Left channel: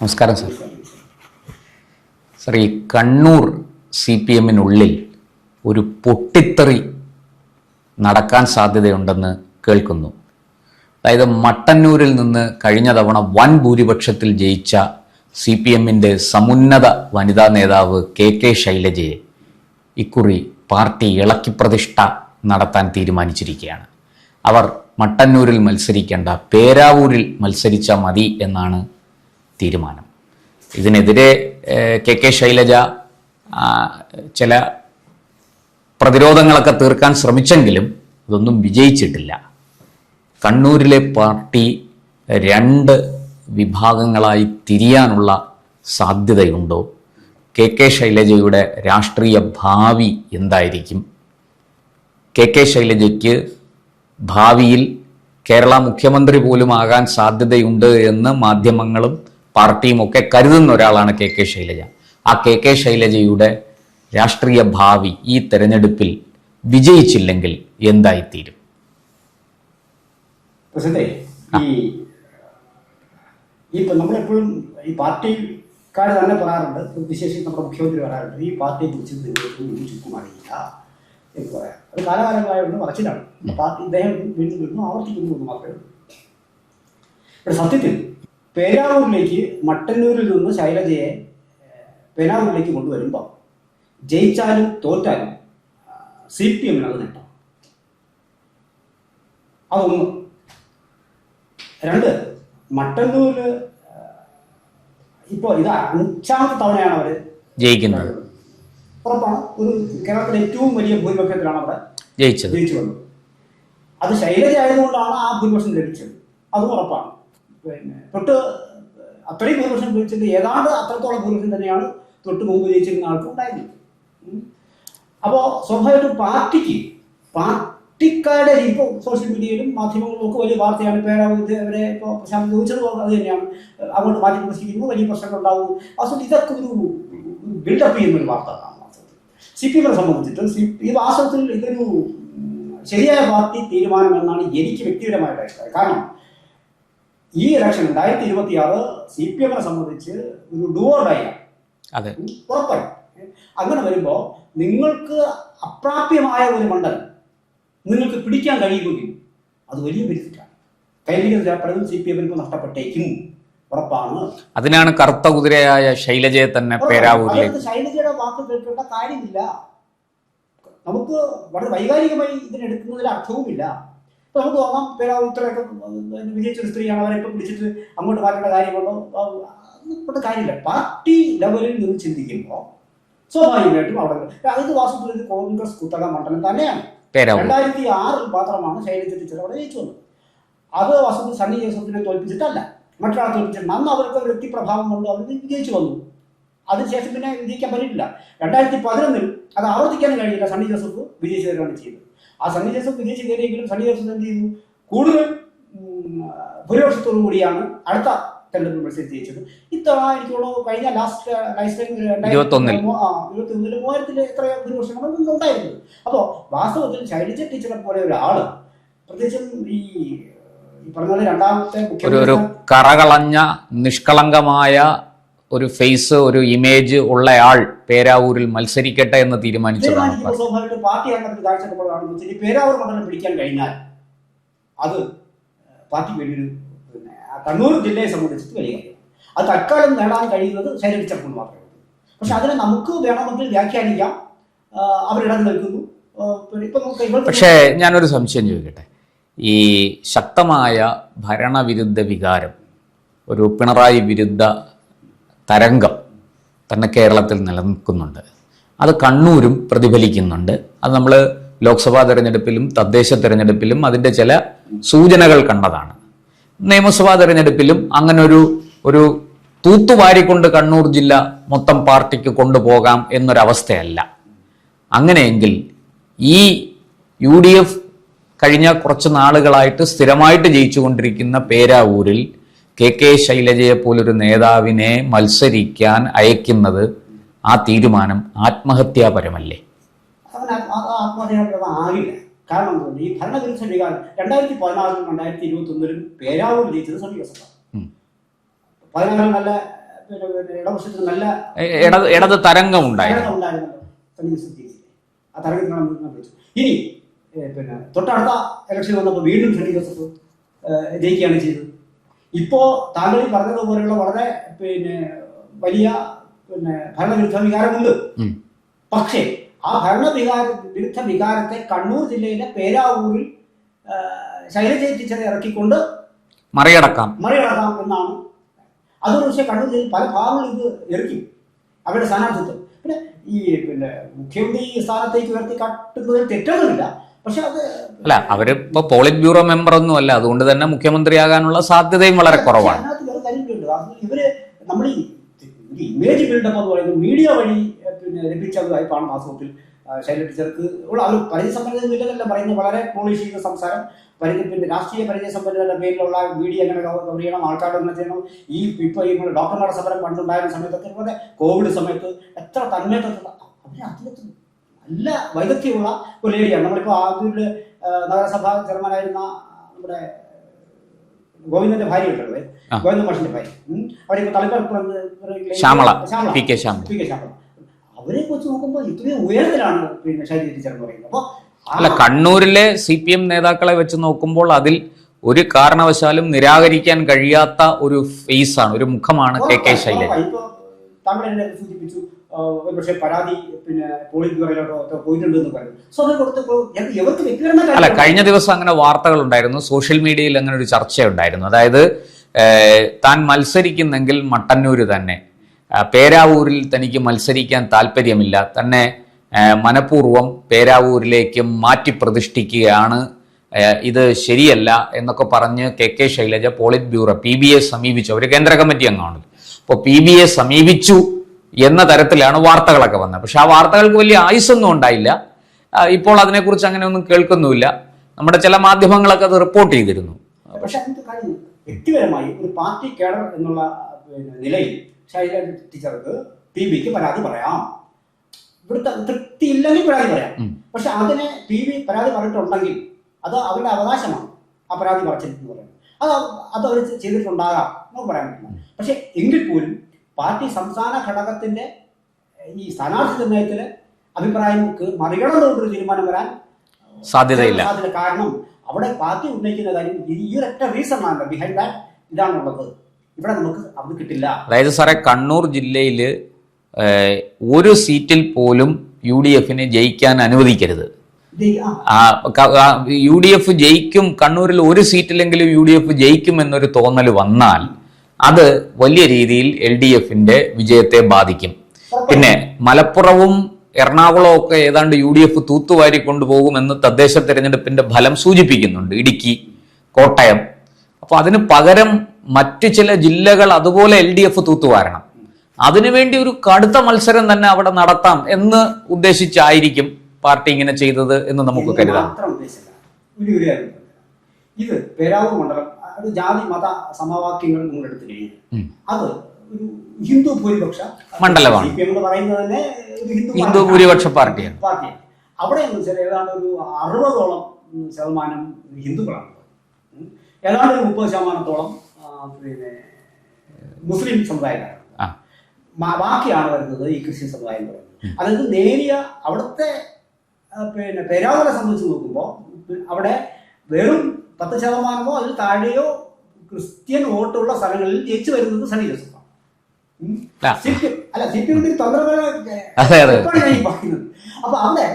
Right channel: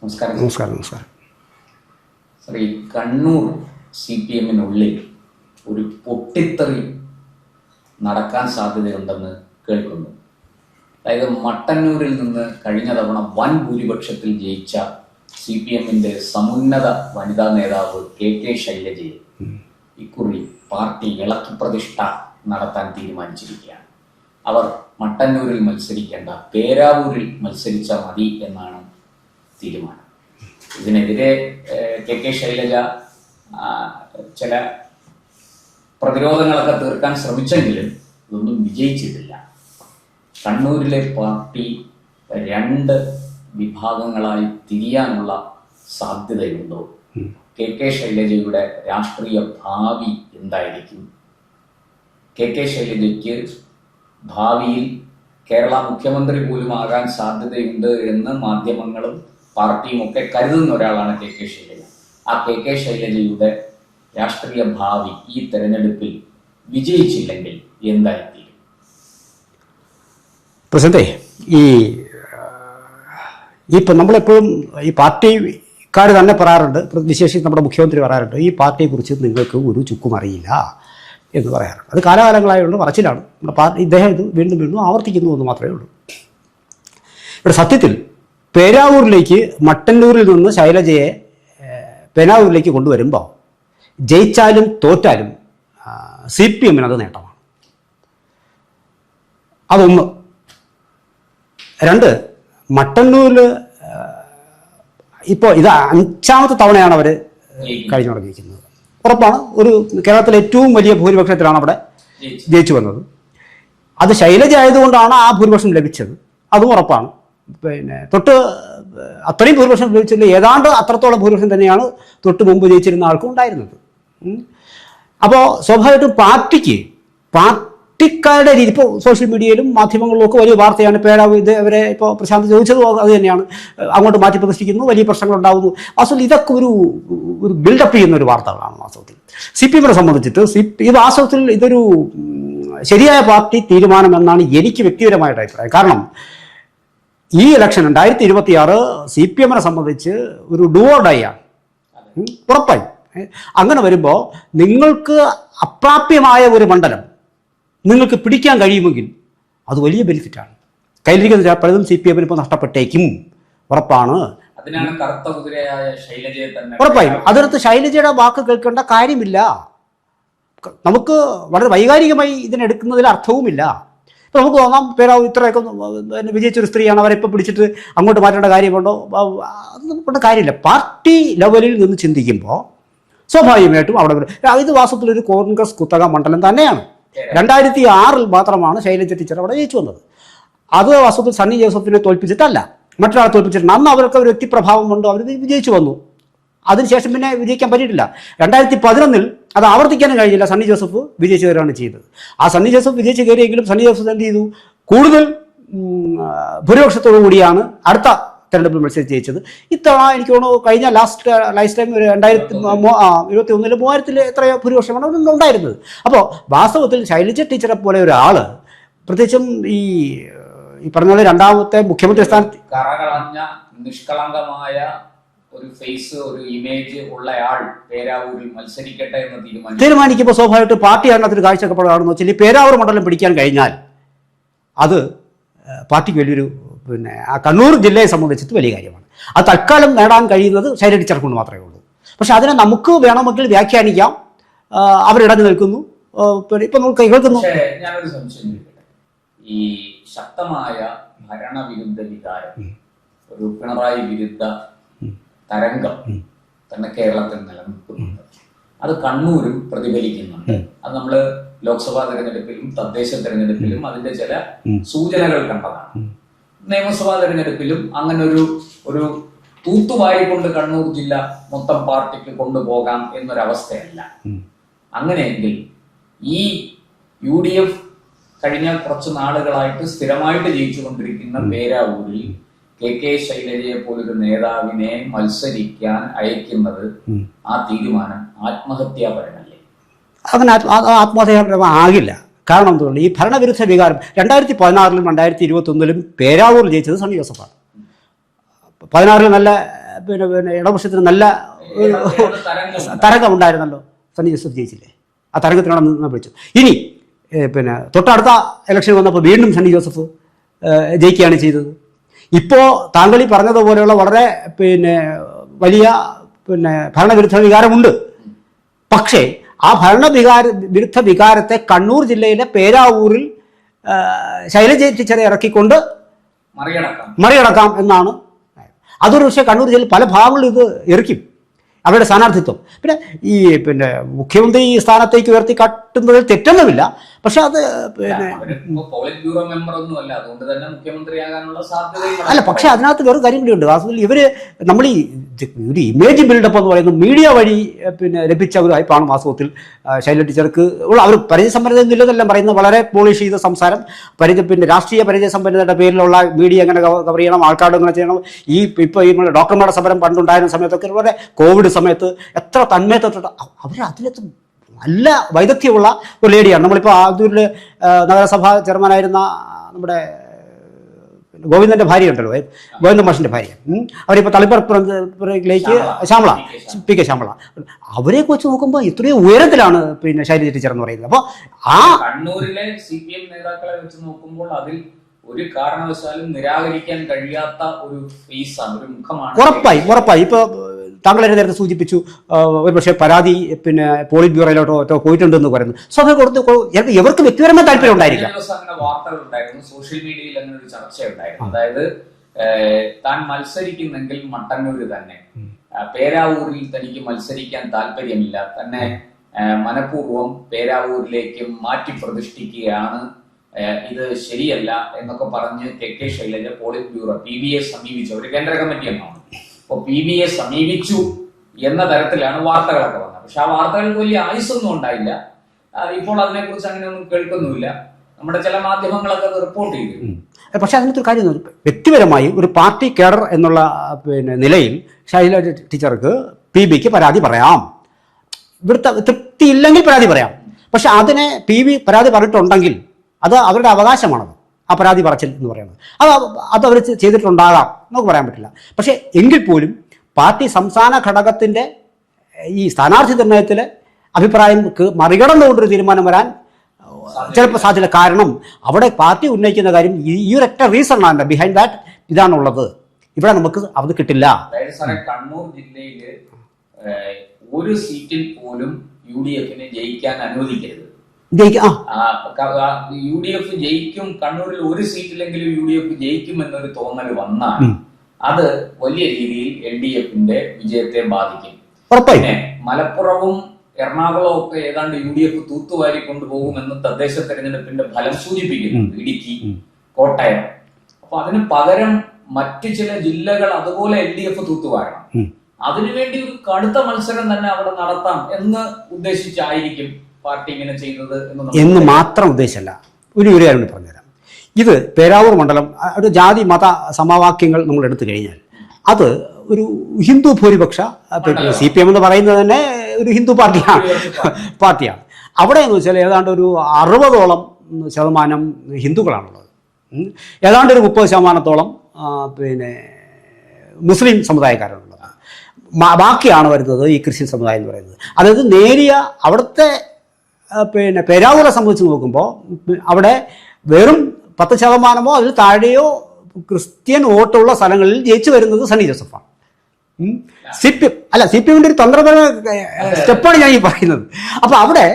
നമസ്കാരം. നമസ്കാരം. സർ, ഈ കണ്ണൂർ CPM-നുള്ളിൽ ഒരു പൊട്ടിത്തെറി നടക്കാൻ സാധ്യതയുണ്ടെന്ന് കേൾക്കുന്നു. അതായത് മട്ടന്നൂരിൽ നിന്ന് കഴിഞ്ഞ തവണ വൻ ഭൂരിപക്ഷത്തിൽ ജയിച്ച CPM-ന്റെ സമുന്നത വനിതാ നേതാവ് KK ശൈലജയെ ഇക്കുറി പാർട്ടി ഇളക്കിപ്രതിഷ്ഠ നടത്താൻ തീരുമാനിച്ചിരിക്കുകയാണ്. അവർ മട്ടന്നൂരിൽ മത്സരിക്കേണ്ട, പേരാവൂരിൽ മത്സരിച്ചാൽ മതി എന്നാണ് തീരുമാനം. ഇതിനെതിരെ KK ശൈലജ ചില പ്രതിരോധങ്ങളൊക്കെ തീർക്കാൻ ശ്രമിച്ചെങ്കിലും ഇതൊന്നും വിജയിച്ചിട്ടില്ല. കണ്ണൂരിലെ പാർട്ടി രണ്ട് വിഭാഗങ്ങളായി തിരിയാനുള്ള സാധ്യതയുണ്ടോ? KK ശൈലജയുടെ രാഷ്ട്രീയ ഭാവി എന്തായിരിക്കും? KK ശൈലജയ്ക്ക് ഭാവിയിൽ കേരള മുഖ്യമന്ത്രി പോലും ആകാൻ സാധ്യതയുണ്ട് എന്ന് മാധ്യമങ്ങളും പാർട്ടിയും ഒക്കെ കരുതുന്ന ഒരാളാണ് KK ശൈലജ. ആ KK ശൈലജയുടെ രാഷ്ട്രീയ ഭാവി ഈ തെരഞ്ഞെടുപ്പിൽ വിജയിച്ചില്ലെങ്കിൽ എന്തായിത്തീരും? പ്രസിദ്ധേ, ഇപ്പം നമ്മളെപ്പോഴും ഈ പാർട്ടിക്കാർ തന്നെ പറയാറുണ്ട്, വിശേഷിച്ച് നമ്മുടെ മുഖ്യമന്ത്രി പറയാറുണ്ട്, ഈ പാർട്ടിയെക്കുറിച്ച് നിങ്ങൾക്ക് ഒരു ചുക്കും അറിയില്ല എന്ന് പറയാറുണ്ട്. അത് കാലാകാലങ്ങളായുള്ള പറച്ചിലാണ്. ഇദ്ദേഹം ഇത് വീണ്ടും വീണ്ടും ആവർത്തിക്കുന്നു എന്ന് മാത്രമേ ഉള്ളൂ. ഇവിടെ സത്യത്തിൽ പേരാവൂരിലേക്ക് മട്ടന്നൂരിൽ നിന്ന് ശൈലജയെ പേരാവൂരിലേക്ക് കൊണ്ടുവരുമ്പോൾ ജയിച്ചാലും തോറ്റാലും CPM-ന് അത് നേട്ടമാണ്. അതൊന്ന്. രണ്ട്, മട്ടന്നൂരിൽ ഇപ്പോൾ ഇത് 5ാമത്തെ തവണയാണ് അവർ കഴിഞ്ഞോടെ ജയിക്കുന്നത്. ഉറപ്പാണ്. ഒരു കേരളത്തിലെ ഏറ്റവും വലിയ ഭൂരിപക്ഷത്തിലാണ് അവിടെ ജയിച്ചു വന്നത്. അത് ശൈലജ ആയതുകൊണ്ടാണ് ആ ഭൂരിപക്ഷം ലഭിച്ചത്, അതും ഉറപ്പാണ്. പിന്നെ അത്രയും ഭൂരിപക്ഷം ലഭിച്ചില്ല, ഏതാണ്ട് അത്രത്തോളം ഭൂരിപക്ഷം തന്നെയാണ് തൊട്ട് മുമ്പ് ജയിച്ചിരുന്ന ആൾക്കും ഉണ്ടായിരുന്നത്. അപ്പോൾ സ്വാഭാവികമായിട്ടും പാർട്ടിക്കാരുടെ രീതി, ഇപ്പോൾ സോഷ്യൽ മീഡിയയിലും മാധ്യമങ്ങളിലും ഒക്കെ വലിയ വാർത്തയാണ്. ഇത് അവരെ ഇപ്പോൾ പ്രശാന്ത് ചോദിച്ചതും അത് തന്നെയാണ്. അങ്ങോട്ട് മാറ്റി പ്രതിഷ്ഠിക്കുന്നു, വലിയ പ്രശ്നങ്ങൾ ഉണ്ടാകുന്നു. വാസ്തവത്തിൽ ഇതൊക്കെ ഒരു ബിൽഡപ്പ് ചെയ്യുന്ന ഒരു വാർത്തകളാണ്. വാസ്തവത്തിൽ CPM-നെ സംബന്ധിച്ചിട്ട് ഈ വാസ്തവത്തിൽ ഇതൊരു ശരിയായ പാർട്ടി തീരുമാനം എന്നാണ് എനിക്ക് വ്യക്തിപരമായിട്ട് അഭിപ്രായം. കാരണം ഈ ഇലക്ഷൻ 2026 CPM-നെ സംബന്ധിച്ച് ഒരു ഡു ഓർ ഡൈ ആണ്. അതെ, ഉറപ്പായി. അങ്ങനെ വരുമ്പോൾ നിങ്ങൾക്ക് അപ്രാപ്യമായ ഒരു മണ്ഡലം നിങ്ങൾക്ക് പിടിക്കാൻ കഴിയുമെങ്കിൽ അത് വലിയ ബെനിഫിറ്റാണ്. കയ്യിലിരിക്കുന്ന പലതും CPM-ന് ഇപ്പോൾ നഷ്ടപ്പെട്ടേക്കും, ഉറപ്പാണ്. അതിനാണ് കറുത്ത കുതിരയായ ശൈലജയെ തന്നെ ഉറപ്പായി. അതിനകത്ത് ശൈലജയുടെ വാക്ക് കേൾക്കേണ്ട കാര്യമില്ല. നമുക്ക് വളരെ വൈകാരികമായി ഇതിനെടുക്കുന്നതിൽ അർത്ഥവുമില്ല. ഇപ്പം നമുക്ക് തോന്നാം, പേരാവൂർ ഇത്രയൊക്കെ വിജയിച്ചൊരു സ്ത്രീയാണ്, അവരെ ഇപ്പം പിടിച്ചിട്ട് അങ്ങോട്ട് മാറ്റേണ്ട കാര്യമുണ്ടോ? അത് നമുക്കുള്ള കാര്യമില്ല. പാർട്ടി ലെവലിൽ നിന്ന് ചിന്തിക്കുമ്പോൾ സ്വാഭാവികമായിട്ടും അവിടെ ഇത് വാസ്തവത്തിലൊരു കോൺഗ്രസ് കുത്തക മണ്ഡലം തന്നെയാണ്. 2006 മാത്രമാണ് ശൈലജ ടീച്ചർ അവിടെ ജയിച്ചു വന്നത്. അത് വാസ്തവത്തിൽ സണ്ണി ജോസഫിനെ തോൽപ്പിച്ചിട്ടല്ല, മറ്റൊരാളെ തോൽപ്പിച്ചിട്ടുണ്ട്. അന്ന് അവർക്ക് ഒരു വ്യക്തിപ്രഭാവമുണ്ട്, അവർ വിജയിച്ചു വന്നു. അതിനുശേഷം പിന്നെ വിജയിക്കാൻ പറ്റിയിട്ടില്ല. 2011 അത് ആവർത്തിക്കാനും കഴിഞ്ഞില്ല. സണ്ണി ജോസഫ് വിജയിച്ചു കയറുകയാണ് ചെയ്തത്. ആ സണ്ണി ജോസഫ് വിജയിച്ച് കയറിയെങ്കിലും സണ്ണി ജോസഫ് എന്ത് ചെയ്തു? കൂടുതൽ ഭൂരിപക്ഷത്തോടു കൂടിയാണ് അടുത്ത തെരഞ്ഞെടുപ്പിൽ മത്സരിച്ച് ജയിച്ചത്. ഇത്തവണ എനിക്ക് തോന്നുന്നു കഴിഞ്ഞ ലാസ്റ്റ് ടൈം 2021 3000 എത്രയോ ഭൂരിപക്ഷമാണ് ഉണ്ടായിരുന്നത്. അപ്പോൾ വാസ്തവത്തിൽ ശൈലജ ടീച്ചറെ പോലെ ഒരാൾ, പ്രത്യേകിച്ചും ഈ പറഞ്ഞ പോലെ രണ്ടാമത്തെ മുഖ്യമന്ത്രി സ്ഥാനത്ത് കറകളഞ്ഞ നിഷ്കളങ്കമായ ഒരു ഫേസ്, ഒരു ഇമേജ് ഉള്ളയാൾ പേരാവൂരിൽ മത്സരിക്കട്ടെ എന്ന് തീരുമാനിക്കുമ്പോൾ സ്വാഭാവികമായിട്ട് പാർട്ടിയാണ് അതിന് കാഴ്ചപ്പാടാണെന്ന് വെച്ചാൽ ഈ പേരാവൂർ മണ്ഡലം പിടിക്കാൻ കഴിഞ്ഞാൽ അത് പാർട്ടിക്ക് വലിയൊരു, പിന്നെ ആ കണ്ണൂർ ജില്ലയെ സംബന്ധിച്ചിട്ട് വലിയ കാര്യമാണ്. അത് തൽക്കാലം നേടാൻ കഴിയുന്നത് ശൈലജ ടീച്ചർ കൊണ്ട് മാത്രമേ ഉള്ളൂ. പക്ഷെ അതിനെ നമുക്ക് വേണമെങ്കിൽ വ്യാഖ്യാനിക്കാം. അവരിടഞ്ഞു നിൽക്കുന്നു. ഇപ്പം നമുക്ക് കേൾക്കുന്നു. പക്ഷേ ഞാനൊരു സംശയം ചോദിക്കട്ടെ. ഈ ശക്തമായ ഭരണവിരുദ്ധ വികാരം, ഒരു പിണറായി വിരുദ്ധ തരംഗം തന്നെ കേരളത്തിൽ നിലനിൽക്കുന്നുണ്ട്. അത് കണ്ണൂരും പ്രതിഫലിക്കുന്നുണ്ട്. അത് നമ്മൾ ലോക്സഭാ തെരഞ്ഞെടുപ്പിലും തദ്ദേശ തെരഞ്ഞെടുപ്പിലും അതിൻ്റെ ചില സൂചനകൾ കണ്ടതാണ്. നിയമസഭാ തെരഞ്ഞെടുപ്പിലും അങ്ങനെ ഒരു തൂത്തുവാരിക്കൊണ്ട് കണ്ണൂർ ജില്ല മൊത്തം പാർട്ടിക്ക് കൊണ്ടുപോകാം എന്നൊരവസ്ഥയല്ല. അങ്ങനെയെങ്കിൽ ഈ UDF കഴിഞ്ഞ കുറച്ച് നാളുകളായിട്ട് സ്ഥിരമായിട്ട് ജയിച്ചുകൊണ്ടിരിക്കുന്ന പേരാവൂരിൽ KK ശൈലജയെ പോലൊരു നേതാവിനെ മത്സരിക്കാൻ അയക്കുന്നത്, ആ തീരുമാനം ആത്മഹത്യാപരമല്ലേ? അങ്ങനെ ആത്മഹത്യാപരമാകില്ല. കാരണം എന്തുകൊണ്ട് ഈ ഭരണവിരുദ്ധ വികാരം 2016-ലും 2021-ലും പേരാവൂർ ജയിച്ചത് സണ്ണി ജോസഫാണ്. 16-ൽ നല്ല പിന്നെ പിന്നെ ഇടതുപക്ഷത്തിന് നല്ല ഇടത് തരംഗം ഉണ്ടായിരുന്നല്ലോ. സണ്ണി ജോസഫ് ജയിച്ചില്ലേ? ആ തരംഗത്തിനോട് നിന്ന് പിടിച്ചു. ഇനി പിന്നെ തൊട്ടടുത്ത ഇലക്ഷൻ വന്നപ്പോൾ വീണ്ടും സണ്ണി ജോസഫ് ജയിക്കുകയാണ് ചെയ്തത്. ഇപ്പോൾ താങ്കൾ ഈ പറഞ്ഞതുപോലെയുള്ള വളരെ പിന്നെ വലിയ പിന്നെ ഭരണവിരുദ്ധ വികാരമുണ്ട്. പക്ഷേ ആ വിരുദ്ധ വികാരത്തെ കണ്ണൂർ ജില്ലയിലെ പേരാവൂരിൽ ശൈലജ ടീച്ചറെ ഇറക്കിക്കൊണ്ട് മറികടക്കാം എന്നാണ്. അതൊരു പക്ഷേ കണ്ണൂർ ജില്ലയിൽ പല ഭാഗങ്ങളിൽ ഇത് എറിക്കും അവരുടെ സ്ഥാനാർത്ഥിത്വം. പിന്നെ മുഖ്യമന്ത്രി ഈ സ്ഥാനത്തേക്ക് ഉയർത്തി കാട്ടുന്നതിൽ തെറ്റൊന്നുമില്ല. പക്ഷെ അത് അവരിപ്പോ പോളിറ്റ് ബ്യൂറോ മെമ്പർ ഒന്നും അല്ല, അതുകൊണ്ട് തന്നെ മുഖ്യമന്ത്രിയാകാനുള്ള സാധ്യതയും വളരെ. പക്ഷെ അതിനകത്ത് വേറെ കാര്യം കൂടിയുണ്ട്. വാസ്തവത്തിൽ ഇവര് നമ്മൾ ഈ ഒരു ഇമേജ് ബിൽഡപ്പ് എന്ന് പറയുന്നത് മീഡിയ വഴി പിന്നെ ലഭിച്ച ഒരു ഹൈപ്പാണ് വാസ്തവത്തിൽ ശൈലജ ടീച്ചർക്ക് ഉള്ള. അവർ പരിചയസമ്പന്നത ഇല്ലെന്നെല്ലാം പറയുന്നത് വളരെ പോളിഷ് ചെയ്ത സംസാരം, പിന്നെ രാഷ്ട്രീയ പരിചയസമ്പന്നതയുടെ പേരിലുള്ള മീഡിയ എങ്ങനെ കവർ ചെയ്യണം, ആൾക്കാരോട് എങ്ങനെ ചെയ്യണം. ഇപ്പോൾ ഈ ഡോക്ടർമാരുടെ സമരം പണ്ടുണ്ടായിരുന്ന സമയത്തൊക്കെ വളരെ കോവിഡ് സമയത്ത് എത്ര തന്മയത്വത്തോടെ അവർ അതിനകത്ത് നല്ല വൈദഗ്ധ്യമുള്ള ഒരു ലേഡിയാണ്. നമ്മളിപ്പോൾ ആദൂരിൽ നഗരസഭാ ചെയർമാനായിരുന്ന നമ്മുടെ ഗോവിന്ദന്റെ ഭാര്യ ഉണ്ടല്ലോ, ഗോവിന്ദൻ മാഷിന്റെ ഭാര്യ, അവരിപ്പോൾ ശ്യാമള പി കെ ശ്യാമള, അവരെയൊക്കെ വെച്ച് നോക്കുമ്പോൾ ഇത്രയും ഉയരത്തിലാണ് പിന്നെ ശൈലജ ടീച്ചർ എന്ന് പറയുന്നത്. അപ്പോൾ ആ കണ്ണൂരിലെ CPM നേതാക്കളെ വെച്ച് നോക്കുമ്പോൾ അതിൽ ഒരു കാരണവശാലും നിരാകരിക്കാൻ കഴിയാത്ത ഒരു ഫേസാണ്, ഒരു മുഖമാണ്. ഉറപ്പായി. ഇപ്പോൾ താങ്കൾ എന്നെ നേരത്തെ സൂചിപ്പിച്ചു ഒരുപക്ഷെ പരാതി പിന്നെ പോളിറ്റ് ബ്യൂറോയിലോട്ടോ പോയിട്ടുണ്ടെന്ന് പറയുന്നു. സ്വാഭാവികം ഇവർക്ക് വ്യക്തിപരമായ താല്പര്യം. കഴിഞ്ഞ ദിവസം അങ്ങനെ വാർത്തകൾ ഉണ്ടായിരുന്നു, സോഷ്യൽ മീഡിയയിൽ അങ്ങനെ ഒരു ചർച്ചയുണ്ടായിരുന്നു. അതായത് താൻ മത്സരിക്കുന്നെങ്കിൽ മട്ടന്നൂര് തന്നെ, പേരാവൂരിൽ തനിക്ക് മത്സരിക്കാൻ താല്പര്യമില്ല, തന്നെ മനഃപൂർവ്വം പേരാവൂരിലേക്ക് മാറ്റി പ്രതിഷ്ഠിക്കുകയാണ്, ഇത് ശരിയല്ല എന്നൊക്കെ പറഞ്ഞ് KK ശൈലജ പോളിറ്റ് ബ്യൂറോ PBയെ സമീപിച്ചു. അവർ കേന്ദ്ര കമ്മിറ്റി അംഗമാണ്. അപ്പോൾ PBയെ സമീപിച്ചു എന്ന തരത്തിലാണ് വാർത്തകളൊക്കെ വന്നത്. പക്ഷെ ആ വാർത്തകൾക്ക് വലിയ ആയുസ്സൊന്നും ഉണ്ടായില്ല. ഇപ്പോൾ അതിനെക്കുറിച്ച് അങ്ങനെ ഒന്നും കേൾക്കുന്നുമില്ല. നമ്മുടെ ചില മാധ്യമങ്ങളൊക്കെ അത് റിപ്പോർട്ട് ചെയ്തിരുന്നു. പക്ഷെ അതിനകത്തൊരു കാര്യം, വ്യക്തിപരമായി ഒരു പാർട്ടി കേഡർ എന്നുള്ള പിന്നെ നിലയിൽ ശൈലജ ടീച്ചർക്ക് PBക്ക് പരാതി പറയാം. ഇവിടുത്തെ തൃപ്തിയില്ലെങ്കിൽ പരാതി പറയാം. പക്ഷെ അതിനെ PB പരാതി പറഞ്ഞിട്ടുണ്ടെങ്കിൽ അത് അവരുടെ അവകാശമാണത്, ആ പരാതി പറച്ചിൽ എന്ന് പറയുന്നത്. അത് അവർ ചെയ്തിട്ടുണ്ടാകാം, നമുക്ക് പറയാൻ പറ്റില്ല. പക്ഷേ എങ്കിൽ പോലും പാർട്ടി സംസ്ഥാന ഘടകത്തിൻ്റെ ഈ സ്ഥാനാർത്ഥി നിർണയത്തിൽ അഭിപ്രായം മറികടന്നുകൊണ്ടൊരു തീരുമാനം വരാൻ സാധ്യത. കാരണം അവിടെ പാർട്ടി ഉന്നയിക്കുന്ന കാര്യം ഈ ഒരൊറ്റ റീസൺ ആണ് ബിഹൈൻഡ് ദാറ്റ്, ഇതാണുള്ളത്, ഇവിടെ നമുക്ക് അത് കിട്ടില്ല. അതായത് സാറേ, കണ്ണൂർ ജില്ലയിൽ ഒരു സീറ്റിൽ പോലും UDFനെ ജയിക്കാൻ അനുവദിക്കരുത്. UDF ജയിക്കും, കണ്ണൂരിൽ ഒരു സീറ്റിലെങ്കിലും UDF ജയിക്കും എന്നൊരു തോന്നൽ വന്നാൽ അത് വലിയ രീതിയിൽ LDFന്റെ വിജയത്തെ ബാധിക്കും. പിന്നെ മലപ്പുറവും എറണാകുളവും ഒക്കെ ഏതാണ്ട് UDF തൂത്തുവാരി കൊണ്ടുപോകുമെന്ന് തദ്ദേശ തെരഞ്ഞെടുപ്പിന്റെ ഫലം സൂചിപ്പിക്കുന്നുണ്ട്, ഇടുക്കി, കോട്ടയം. അപ്പൊ അതിന് പകരം മറ്റു ചില ജില്ലകൾ അതുപോലെ LDF തൂത്തുവാരണം. അതിനുവേണ്ടി ഒരു കടുത്ത മത്സരം തന്നെ അവിടെ നടത്താം എന്ന് ഉദ്ദേശിച്ചായിരിക്കും പാർട്ടി ഇങ്ങനെ ചെയ്തത് എന്ന് മാത്രം ഉദ്ദേശമല്ല. ഒരു കാര്യം പറഞ്ഞുതരാം. ഇത് പേരാവൂർ മണ്ഡലം ഒരു ജാതി മത സമവാക്യങ്ങൾ നമ്മൾ എടുത്തു കഴിഞ്ഞാൽ അത് ഒരു ഹിന്ദു ഭൂരിപക്ഷ CPM എന്ന് പറയുന്നത് തന്നെ ഒരു ഹിന്ദു പാർട്ടിയാണ്. അവിടെ എന്ന് വെച്ചാൽ ഏതാണ്ട് ഒരു 60% ഹിന്ദുക്കളാണുള്ളത്. ഏതാണ്ട് ഒരു 30% പിന്നെ മുസ്ലിം സമുദായക്കാരാണുള്ളത്. ബാക്കിയാണ് വരുന്നത് ഈ ക്രിസ്ത്യൻ സമുദായം എന്ന് പറയുന്നത്. അതായത് നേരിയ അവിടുത്തെ പിന്നെ പേരാവൂരെ സംബന്ധിച്ച് നോക്കുമ്പോൾ അവിടെ വെറും 10% അതിൽ താഴെയോ ക്രിസ്ത്യൻ വോട്ടുള്ള സ്ഥലങ്ങളിൽ ജയിച്ചു വരുന്നത് സണ്ണി ജോസഫാണ്. CPMന്റെ ഒരു തന്ത്രപരമാണ് ഞാൻ ഈ പറയുന്നത്. അപ്പൊ അവിടെ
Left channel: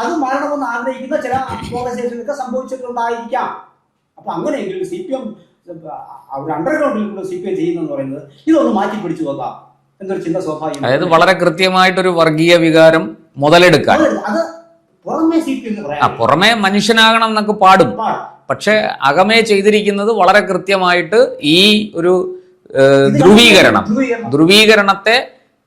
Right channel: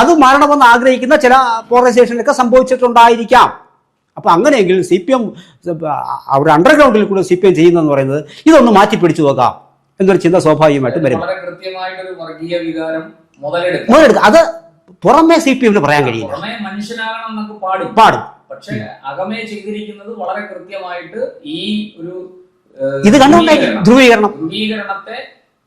അത് മാറണമെന്ന് ആഗ്രഹിക്കുന്ന ചില പോളറൈസേഷനൊക്കെ സംഭവിച്ചിട്ടുണ്ടായിരിക്കാം. അപ്പൊ അങ്ങനെയെങ്കിൽ CPM അവിടെ അണ്ടർഗ്രൗണ്ടിൽ കൂടെ CPM ചെയ്യുന്നതെന്ന് പറയുന്നത് ഇതൊന്ന് മാറ്റി പിടിച്ചു നോക്കാം എന്നൊരു ചിന്ത സ്വാഭാവികമായി വളരെ കൃത്യമായിട്ടൊരു വർഗീയ വികാരം മുതലെടുക്കുക. അത് പുറമേ CPMന് പറയാൻ കഴിയും. പുറമേ മനുഷ്യനാകണം എന്നൊക്കെ പാടും. പക്ഷെ അകമേ ചെയ്തിരിക്കുന്നത് വളരെ കൃത്യമായിട്ട് ഈ ഒരു ധ്രുവീകരണത്തെ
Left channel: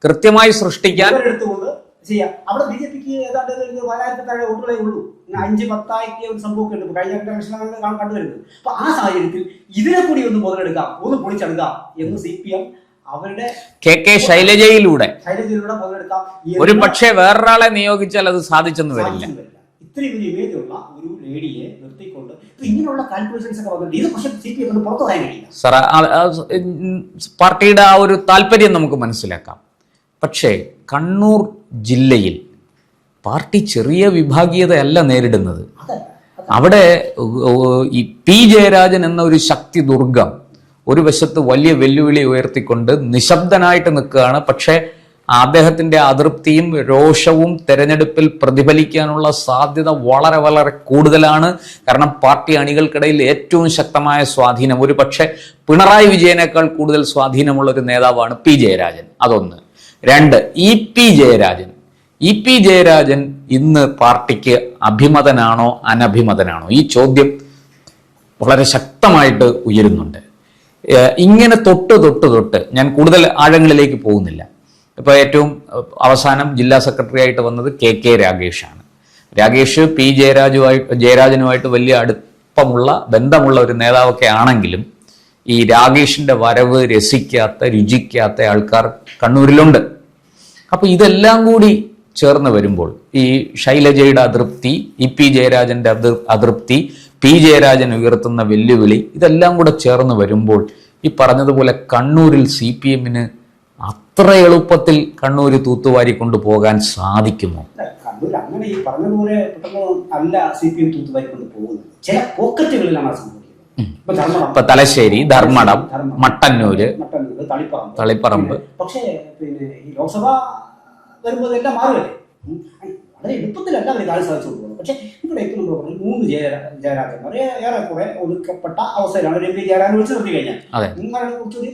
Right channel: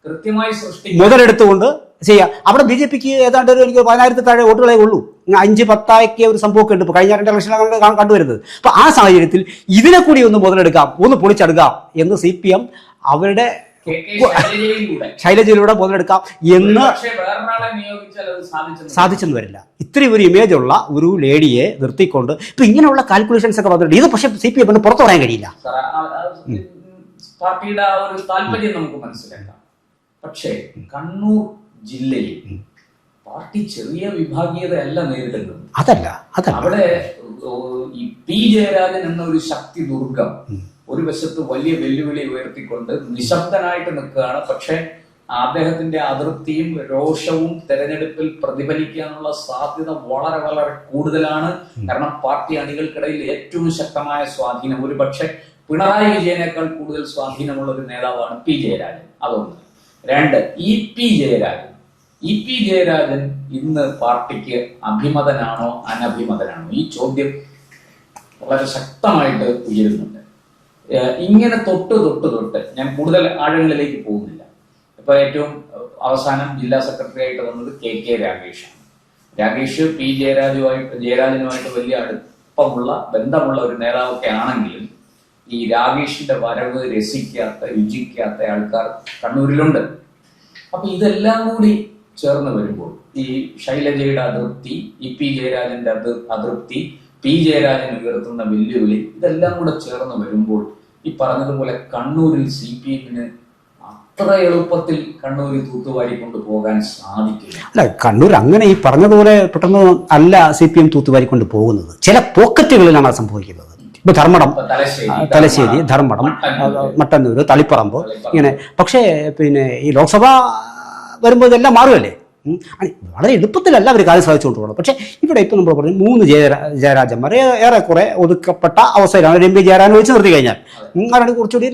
കൃത്യമായി സൃഷ്ടിക്കാൻ എടുത്തുകൊണ്ട് ചെയ്യാം. അവിടെ ബി ജെ പിക്ക് ഏതാണ്ട് എനിക്ക് 10,000 താഴെ വോട്ടുകളെ ഉള്ളൂ. 5-10 ഒരു സംഭവമൊക്കെ ഉണ്ട് ഇപ്പോൾ കഴിഞ്ഞ 2 ഇലക്ഷനിലാണ് കണ്ടുവരുന്നത്. അപ്പോൾ ആ സാഹചര്യത്തിൽ ഇതിനെ കൂടി ഒന്ന് മുതലെടുക്കാം, ഒന്ന് പൊളിച്ചെടുക്കാം എന്ന് CPM അവരുടെ കെ ശൈലജയിലൂടെ മുതലെടുക്കാം. പക്ഷേ വേറൊരാളെ നിയോഗിച്ചാൽ അത് സാധിച്ചെന്ന് വരില്ല. ഇത്രയും ഒരു ഇമേജ് ഉള്ള ഒരു ലേഡിയെ നിർത്തിക്കൊണ്ട് ഇപ്പൊ ഇങ്ങനെയുള്ള കാൽക്കുലേഷൻസ് ഒക്കെ വന്നിട്ടുണ്ട്. ഇത് പക്ഷേ CPM പുറത്തു പറയാൻ കഴിയില്ല. സാർ, പാർട്ടിയുടെ ആ ഒരു താല്പര്യം നമുക്ക് മനസ്സിലാക്കാം. പക്ഷേ കണ്ണൂർ ജില്ലയിൽ പാർട്ടി ചെറിയ വിഭാഗീയതയല്ല നേരിടുന്നത്. അതല്ല അവിടെ ഈ പി ജയരാജൻ എന്ന ഒരു ശക്തി ദുർഗം ഒരു വശത്ത് വലിയ വെല്ലുവിളി ഉയർത്തിക്കൊണ്ട് നിശബ്ദനായിട്ട് നിൽക്കുകയാണ്. പക്ഷേ അദ്ദേഹത്തിന്റെ അതൃപ്തിയും രോഷവും തെരഞ്ഞെടുപ്പിൽ പ്രതിഫലിക്കാനുള്ള സാധ്യത വളരെ വളരെ കൂടുതലാണ്. കാരണം പാർട്ടി അണികൾക്കിടയിൽ ഏറ്റവും ശക്തമായ സ്വാധീനം, ഒരു പക്ഷേ പിണറായി വിജയനേക്കാൾ കൂടുതൽ സ്വാധീനമുള്ള ഒരു നേതാവാണ് പി ജയരാജൻ. അതൊന്ന്. 2, ഇ പി ജയരാജൻ ഇന്ന് പാർട്ടിക്ക് അഭിമതനാണോ അനഭിമതനാണോ? ഈ ചോദ്യം വളരെ ശക്തമായിട്ട് ഉയരുന്നുണ്ട്. ഇങ്ങനെ തൊട്ട് ഞാൻ കൂടുതൽ ആഴങ്ങളിലേക്ക് പോകുന്നില്ല. ഇപ്പോൾ ഏറ്റവും അവസാനം ജില്ലാ സെക്രട്ടറി ആയിട്ട് വന്നത് കെ രാഗേഷാണ്. രാഗേഷ് പി ജയരാജനുമായിട്ട് വലിയ ബന്ധമുള്ള ഒരു നേതാവൊക്കെ ആണെങ്കിലും ഈ രാഗേഷിന്റെ വരവ് രുചിക്കാത്ത ആൾക്കാർ കണ്ണൂരിലുണ്ട്. അപ്പൊ ഇതെല്ലാം കൂടി ചേർന്ന് വരുമ്പോൾ ഈ ശൈലജയുടെ അതൃപ്തി, ഇ പി ജയരാജന്റെ അതൃപ്തി, പി ജയരാജൻ ഉയർത്തുന്ന വെല്ലുവിളി, ഇതെല്ലാം കൂടെ ചേർന്ന് വരുമ്പോൾ ഈ പറഞ്ഞതുപോലെ കണ്ണൂരിൽ CPMന് അത്ര എളുപ്പത്തിൽ കണ്ണൂർ തൂത്തുവാരി കൊണ്ടുപോകാൻ സാധിക്കുമോ? അല്ല, കണ്ണൂർ അങ്ങനെ ഈ പറഞ്ഞതുപോലെ പെട്ടെന്ന് അല്ല CPM തൂത്തുവാരി കൊണ്ട് പോകുന്നത്. ചില പോക്കറ്റുകളിലാണ് സംഭവിക്കുന്നത്. ഇപ്പൊ ധർമ്മടം, തലശ്ശേരി, ധർമ്മടം, മട്ടന്നൂര്, തളിപ്പറമ്പ്. ഇങ്ങനെ. പക്ഷേ പിന്നെ ഈ ലോക്സഭ വരുമ്പോൾ ഇതെല്ലാം മാറുമല്ലേ. വളരെ എളുപ്പത്തിലല്ല അവർ കാര്യം സാധിച്ചുകൊണ്ട് പോകണം. പക്ഷേ ഇവിടെ ഇപ്പം നമ്മൾ പറഞ്ഞു 3 ജയരാജന്മാർ ഏറെക്കുറെ ഒതുക്കപ്പെട്ട അവസ്ഥയിലാണ്. എം പി ജയരാജൻ ഒഴിച്ചു നിർത്തി കഴിഞ്ഞാൽ അവരുടെ കുറച്ചുകൂടി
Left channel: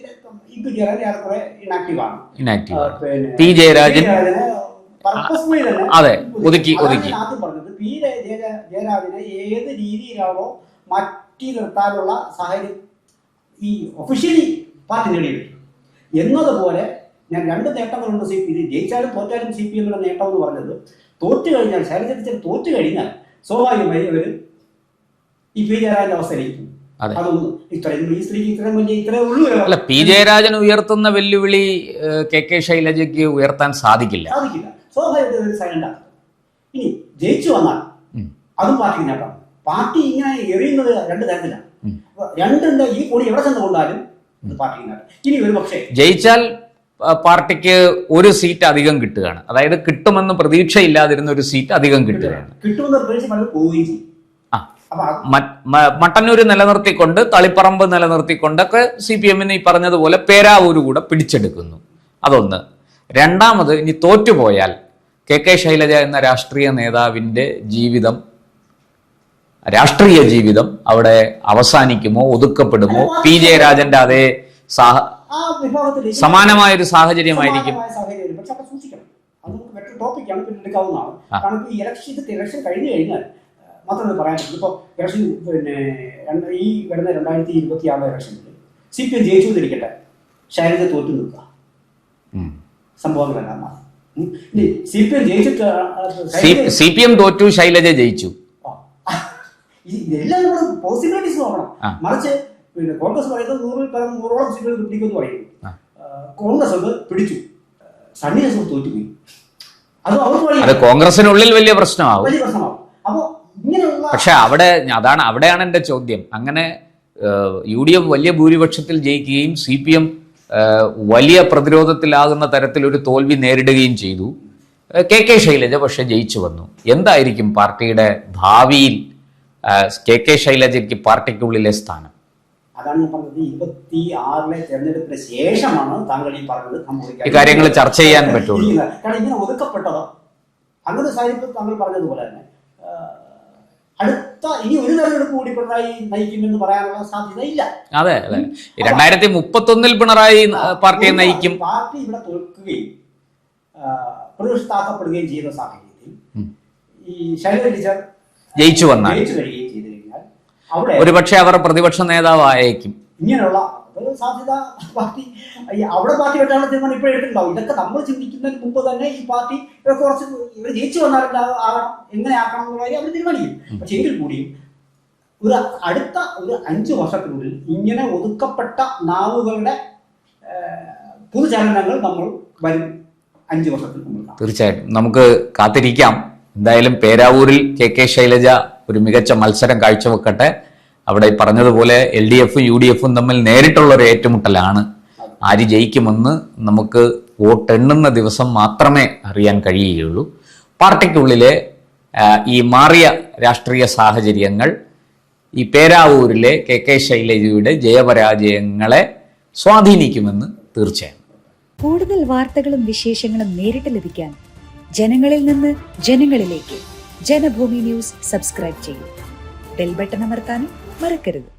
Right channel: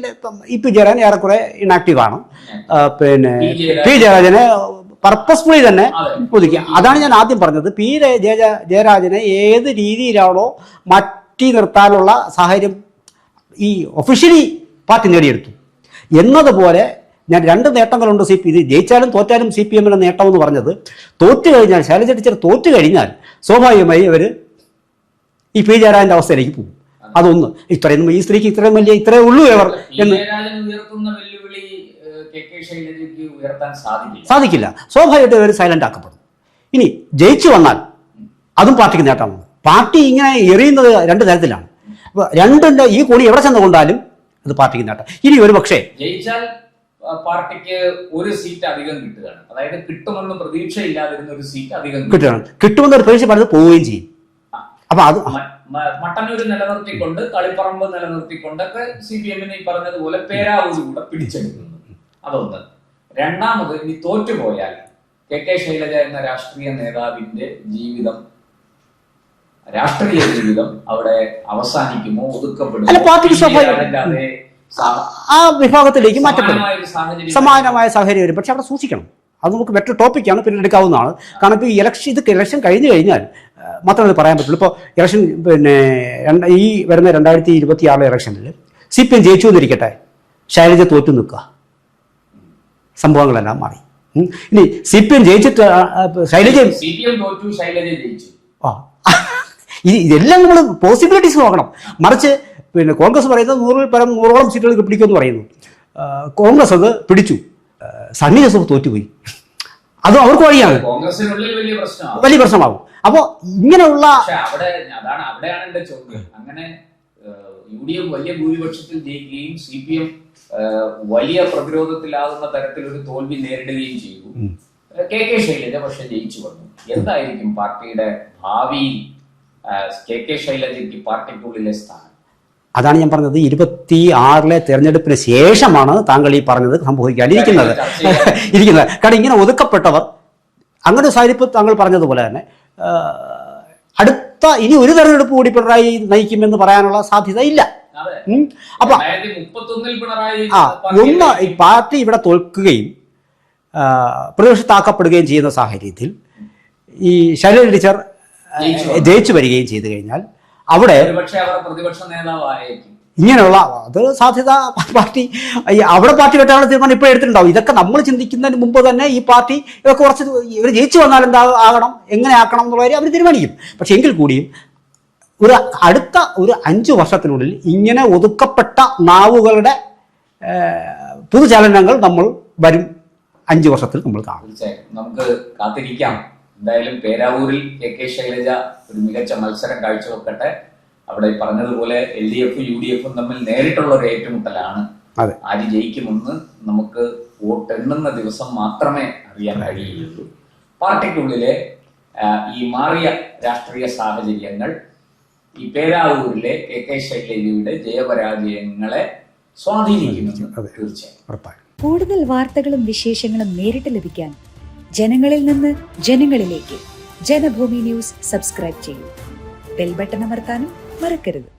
ഇ പി ജയരാജൻ ഏറെക്കുറെ ഇനാക്റ്റീവ് ആണ്. പിന്നെ പി ജയരാജനെ പർപ്പസ്ഫുള്ളി തന്നെ ഒതുക്കി. അതാണ് ഞാൻ ആദ്യം പറഞ്ഞത്. പി ജയരാജനെ ഏത് രീതിയിലാണോ മാറ്റി നിർത്താനുള്ള സാഹചര്യം ഈ ഒഫീഷ്യലി പാർട്ടി നേടിയെടുത്തു എന്നതുപോലെ ഞാൻ 2 നേട്ടങ്ങളുണ്ട്. ഇത് ജയിച്ചാലും തോറ്റാലും CPMന്റെ നേട്ടം എന്ന് പറഞ്ഞത്, തോറ്റു കഴിഞ്ഞാൽ ശൈലജ ടീച്ചർ തോറ്റു കഴിഞ്ഞാൽ സ്വാഭാവികമായി അവർ ഈ പി ജയരാജന്റെ അവസ്ഥയിലേക്ക് പോകും. അതൊന്ന്. ഈ സ്ത്രീക്ക് ഇത്രേ ഉള്ളൂ. പി ജയരാജൻ ഉയർത്തുന്ന വെല്ലുവിളി കെ ശൈലജയ്ക്ക് ഉയർത്താൻ സാധിക്കില്ല. സ്വാഭാവികമായിട്ട് അവർ സൈലന്റ് ആക്കപ്പെടും. ഇനി ജയിച്ചു വന്നാൽ അതും പാർട്ടിക്ക് നേട്ടമാണ്. പാർട്ടി ഇങ്ങനെ എറിയുന്നത് 2 തരത്തിലാണ്. രണ്ടിന്റെ ഈ കോണി എവിടെ ചെന്ന് കൊണ്ടാലും അത് പാർട്ടിക്ക് നേട്ടം. ഇനി ഒരു പക്ഷേ ജയിച്ചാൽ പാർട്ടിക്ക് ഒരു സീറ്റ് അധികം കിട്ടുകയാണ്. അതായത് കിട്ടുമെന്ന് പ്രതീക്ഷയില്ലാതിരുന്ന ഒരു സീറ്റ് അധികം കിട്ടുമെന്ന് ഒരു പ്രതീക്ഷ പറഞ്ഞത് പോവുകയും ചെയ്യും. അപ്പൊ അത് മട്ടന്നൂര് നിലനിർത്തിക്കൊണ്ട് തളിപ്പറമ്പ് നിലനിർത്തിക്കൊണ്ടൊക്കെ CPMന് ഈ പറഞ്ഞതുപോലെ പേരാവൂര് കൂടെ പിടിച്ചെടുക്കുന്നു. അതൊന്ന്. രണ്ടാമത്, ഇനി തോറ്റുപോയാൽ കെ ശൈലജ എന്ന രാഷ്ട്രീയ നേതാവിന്റെ രാഷ്ട്രീയ ജീവിതം അവിടെ അവസാനിക്കുമോ, ഒതുക്കപ്പെടുമോ? പി ജയരാജന്റെ അതേ ആ വിഭാഗത്തിലേക്ക് സമാനമായ സാഹചര്യം വരും. പക്ഷെ അവിടെ സൂക്ഷിക്കണം. അത് നമുക്ക് മറ്റൊരു ടോപ്പിക്കാണ്, പിന്നീട് എടുക്കാവുന്നതാണ്. കാരണം ഇപ്പോൾ ഈ ഇലക്ഷൻ കഴിഞ്ഞു കഴിഞ്ഞാൽ മാത്രമേ അത് പറയാൻ പറ്റുള്ളൂ. ഇപ്പോൾ ഇലക്ഷൻ പിന്നെ ഈ വരുന്ന 2026 ഇലക്ഷനിൽ CPM ജയിച്ചു എന്നിരിക്കട്ടെ, ശൈലജ തോറ്റു നിൽക്കുക, സംഭവങ്ങളെല്ലാം മാറി. ഇനി CPM ജയിച്ചിട്ട് CPM തോറ്റു, ശൈലജ ജയിച്ചു, ഇതെല്ലാം നമ്മൾ പോസിബിലിറ്റീസ് നോക്കണം. മറിച്ച് പിന്നെ കോൺഗ്രസ് പറയുന്നത് 100-100ഓളം സീറ്റുകൾ പിടിക്കുമെന്ന് പറയുന്നു. കോൺഗ്രസ് അത് പിടിച്ചു, സണ്ണി ജോസഫ് തോറ്റുപോയി. അതും അവർക്ക് വഴിയാണ്. കോൺഗ്രസിനുള്ളിൽ വലിയ പ്രശ്നമാകും. അപ്പോൾ ഇങ്ങനെയുള്ള പക്ഷെ അവിടെയാണ് എന്റെ ചോദ്യം. അങ്ങനെ UDF വലിയ ഭൂരിപക്ഷത്തിൽ ജയിക്കുകയും CPM വലിയ പ്രതിരോധത്തിലാകുന്ന തരത്തിൽ ഒരു തോൽവി നേരിടുകയും ചെയ്തു. കെ ശൈലജ പക്ഷെ ജയിച്ചു വന്നു. എന്തായിരിക്കും പാർട്ടിയുടെ ഭാവിയിൽ കെ ശൈലജയ്ക്ക് പാർട്ടിക്കുള്ളിലെ സ്ഥാനം? അതാണ് ഞാൻ പറഞ്ഞത്. 26 തെരഞ്ഞെടുപ്പിന് ശേഷമാണ് താങ്കൾ ഈ പറഞ്ഞത് സംഭവിക്കാൻ ചർച്ച ചെയ്യാൻ ഇരിക്കുന്നത്. കാരണം ഇങ്ങനെ ഒതുക്കപ്പെട്ടവർ അങ്ങനെ സാഹചര്യം താങ്കൾ പറഞ്ഞതുപോലെ തന്നെ ഇനി ഒരു തെരഞ്ഞെടുപ്പ് കൂടി പിണറായി നയിക്കുമെന്ന് പറയാനുള്ള സാധ്യത ഇല്ല. അതെ, 2031 പിണറായി പാർട്ടി ഇവിടെ തോൽക്കുകയും പ്രതിപക്ഷത്താക്കപ്പെടുകയും ചെയ്യുന്ന സാഹചര്യത്തിൽ ഈ ശൈലജ ടീച്ചർ ജയിച്ചു വരികയും ചെയ്തു കഴിഞ്ഞാൽ അവിടെ ഒരുപക്ഷെ അവർ പ്രതിപക്ഷ നേതാവായേക്കും. ഇങ്ങനെയുള്ള അത് സാധ്യത പാർട്ടി അവിടെ പാർട്ടി വെട്ടാനുള്ള തീരുമാനം ഇപ്പോൾ എടുത്തിട്ടുണ്ടാവും. ഇതൊക്കെ നമ്മൾ ചിന്തിക്കുന്നതിന് മുമ്പ് തന്നെ ഈ പാർട്ടി ഇതൊക്കെ കുറച്ച് ഇവർ ജയിച്ചു വന്നാൽ എന്താ ആകണം, എങ്ങനെ ആക്കണം എന്നുള്ള കാര്യം അവർ തീരുമാനിക്കും. പക്ഷെ എങ്കിൽ കൂടിയും അടുത്ത ഒരു 5 വർഷത്തിനുള്ളിൽ ഇങ്ങനെ ഒതുക്കപ്പെട്ട നാവുകളുടെ പുതുചലനങ്ങൾ നമ്മൾ വരും 5 വർഷത്തിൽ നമ്മൾ കാണും. തീർച്ചയായിട്ടും നമുക്ക് കാത്തിരിക്കാം. എന്തായാലും പേരാവൂരിൽ കെ ശൈലജ ഒരു മികച്ച മത്സരം കാഴ്ചവെക്കട്ടെ. അവിടെ പറഞ്ഞതുപോലെ LDF UDF തമ്മിൽ നേരിട്ടുള്ള ഒരു ഏറ്റുമുട്ടലാണ്. ആര് ജയിക്കുമെന്ന് നമുക്ക് വോട്ടെണ്ണുന്ന ദിവസം മാത്രമേ അറിയാൻ കഴിയുകയുള്ളൂ. പാർട്ടിക്കുള്ളിലെ ഈ മാറിയ രാഷ്ട്രീയ സാഹചര്യങ്ങൾ ഈ പേരാവൂരിലെ കെ ശൈലജയുടെ ജയപരാജയങ്ങളെ സ്വാധീനിക്കുമെന്ന് തീർച്ചയായും ഉറപ്പാണ്. കൂടുതൽ വാർത്തകളും വിശേഷങ്ങളും നേരിട്ട് ലഭിക്കാൻ ജനങ്ങളിൽ നിന്ന് ജനങ്ങളിലേക്ക് ജനഭൂമി ന്യൂസ് സബ്സ്ക്രൈബ് ചെയ്യൂ. ബെൽ ബട്ടൺ അമർത്താനും മറക്കരുത്.